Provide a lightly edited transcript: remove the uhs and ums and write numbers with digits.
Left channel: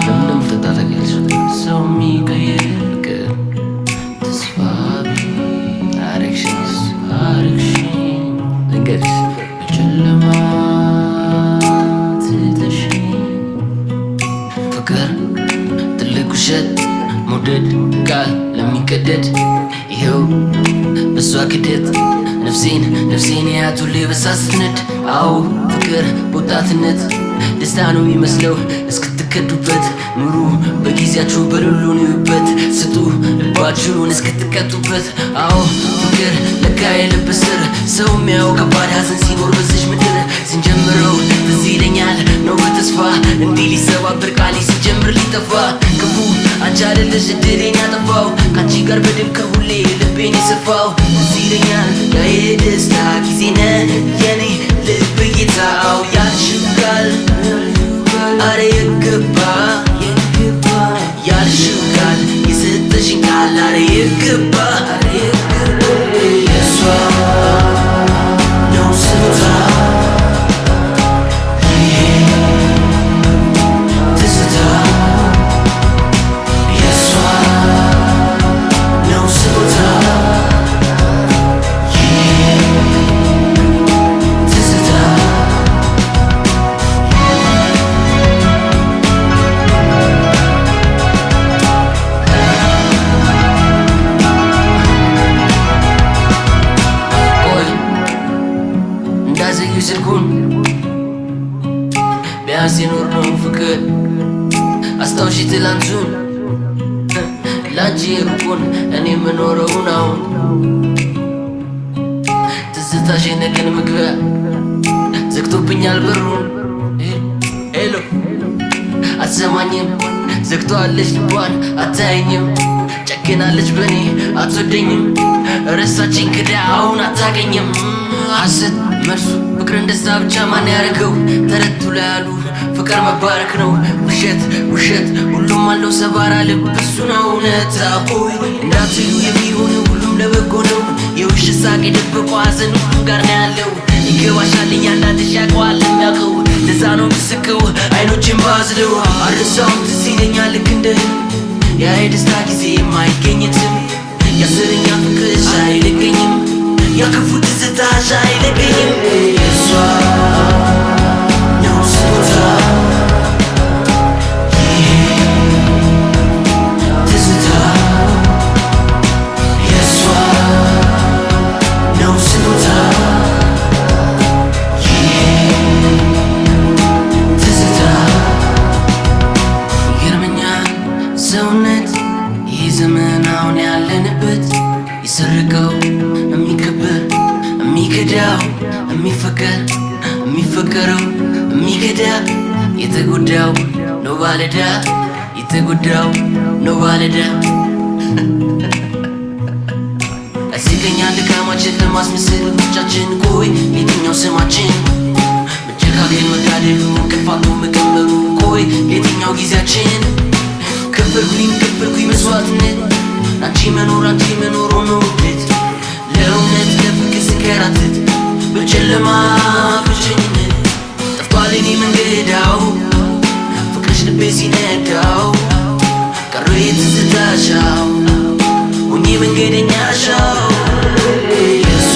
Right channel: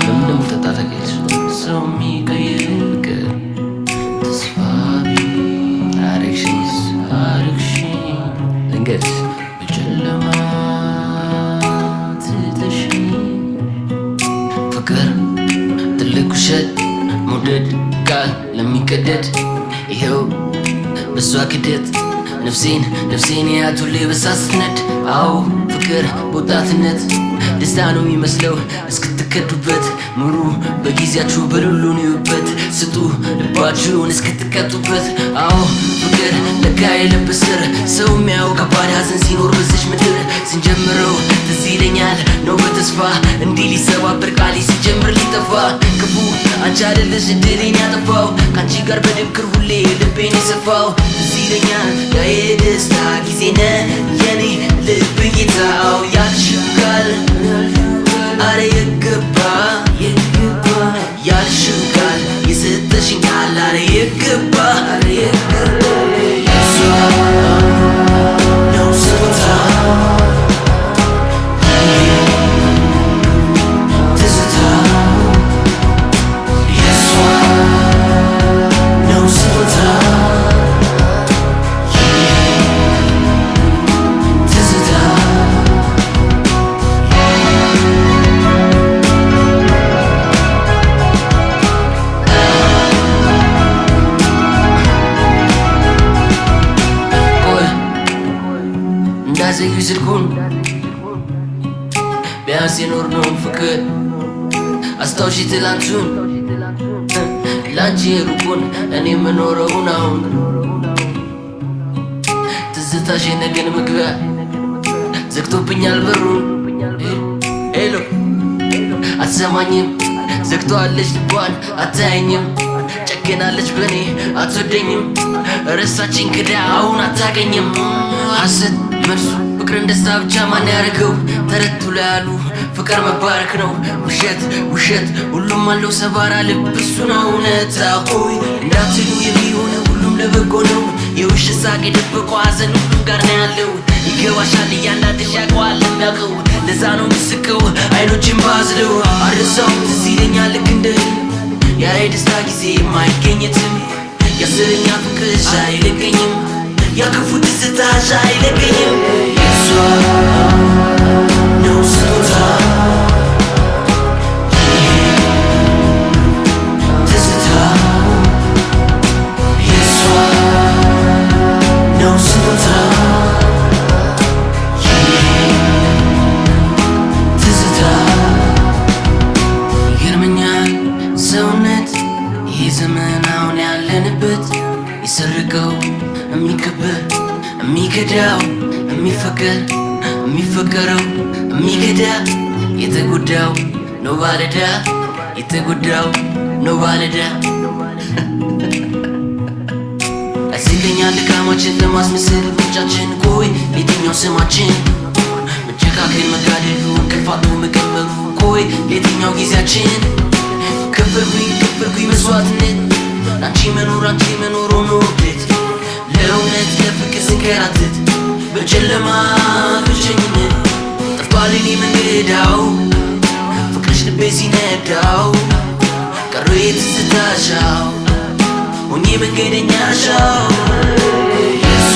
ለምንድነው ተጣጣቂያለሽ? ሰው የሚቀይር ፍቅር ተስፋ አረግሽኝ ልንገርሽ በጨለማ ትተሽኝ ፍቅር ትልቅ ውሸት መውደድ ቃል ለሚቀደድ ይኸው በሷ ክደት ነፍሴን ያት ሁሌ በሳ ስትነድ አዎ ፍቅር በወጣትነት ደስታ ነው የሚመስለው እስክትከዱበት ኑሩ በጊዜያችሁ በሉሉን ይዩበት ስጡ ልባችሁን እስክትቀጡበት አዎ ፍቅር ለካ የልብ ስር ሰው የሚያው ከባድ ሐዘን ሲኖር በዚች ምድር ስንጀምረው ትዝ ይለኛል ነው በተስፋ እንዲህ ሊሰባበር ቃሌ ሲጀምር ሊጠፋ ክፉ አንቺ አይደለሽ እድሌን ያጠፋው ካንቺ ጋር በድምክር ሁሌ ልቤን የሰፋው ትዝ ይለኛል ያ የደስታ ጊዜ ነው የኔ ልብ ጌታው ያልሽው ቃል አረ የገባ ያልሽው ቃል የሰጠሽኝ ቃል አረ የገባ የሷ ነው ስጦታ ትዝታ የሷ ነው ስጦታ እንዳዘዩ ስልኩን ቢያንስ የኖርነውን ፍቅር አስታውሺ ትላንቱን ላንቺ የሩቁን እኔ የምኖረውን አሁን ትዝታሽ የነገን መግቢያ ዘግቶብኛል በሩን ሄሎ አትሰማኝም ዘግቶአለች ልቧን አታየኝም ጨክናለች በኔ አትወደኝም ረሳችኝ ክዳ አሁን አታገኝም ሐሰት መልሱ ፍቅርን ደስታ ብቻ ማን ያደረገው ተረቱ ላይ ያሉ ፍቅር መባረክ ነው ውሸት ሁሉም አለው ሰባራ ልብ እሱ ነው እውነታ ሆይ እንዳትሉ የሚሆን ሁሉም ለበጎ ነው የውሸት ሳቅ የደበቀው ሐዘን ሁሉም ጋር ነው ያለው ይገባሻል እያንዳንድሽ ያውቀዋል የሚያውቀው ለዛ ነው ምስቀው አይኖችን ባዝለው አረሳውም ትዝ ይለኛል ልክ እንደ ያ የደስታ ጊዜ የማይገኝትም የአስረኛ ፍቅርሽ አይለቀኝም ያክፉ ትዝታሽ አይለቀኝም የሷ ነው ስጦታ ትዝታ የሷ ነው ስጦታ ትዝታ ይገርመኛል ሰውነት ይህ ዘመን አሁን ያለንበት ይሰርቀው የሚከበር የሚከዳው የሚፈቀረው የሚከዳ የተጎዳው ነው ባለዳ የተጎዳው ነው ባለዳ ያስቀኛል ድካማችን ለማስመሰል ሩጫችን ቆይ የትኛው ስማችን መጨካከን መጋደሉ እንቅልፋቱ መቀመሩ ቆይ የትኛው ጊዜያችን ከፈልኩኝ መስዋዕትነት አንቺ መኖር ሆኖ ቤት ለእውነት ለፍቅር ስንከራተት በጨለማ ብቸኝነት ጠፍቷል የኔ መንገዳው ፍቅርሽ ልቤ ሲነዳው ቀረ የትዝታሻው ሆኜ መንገደኛሻው የሷ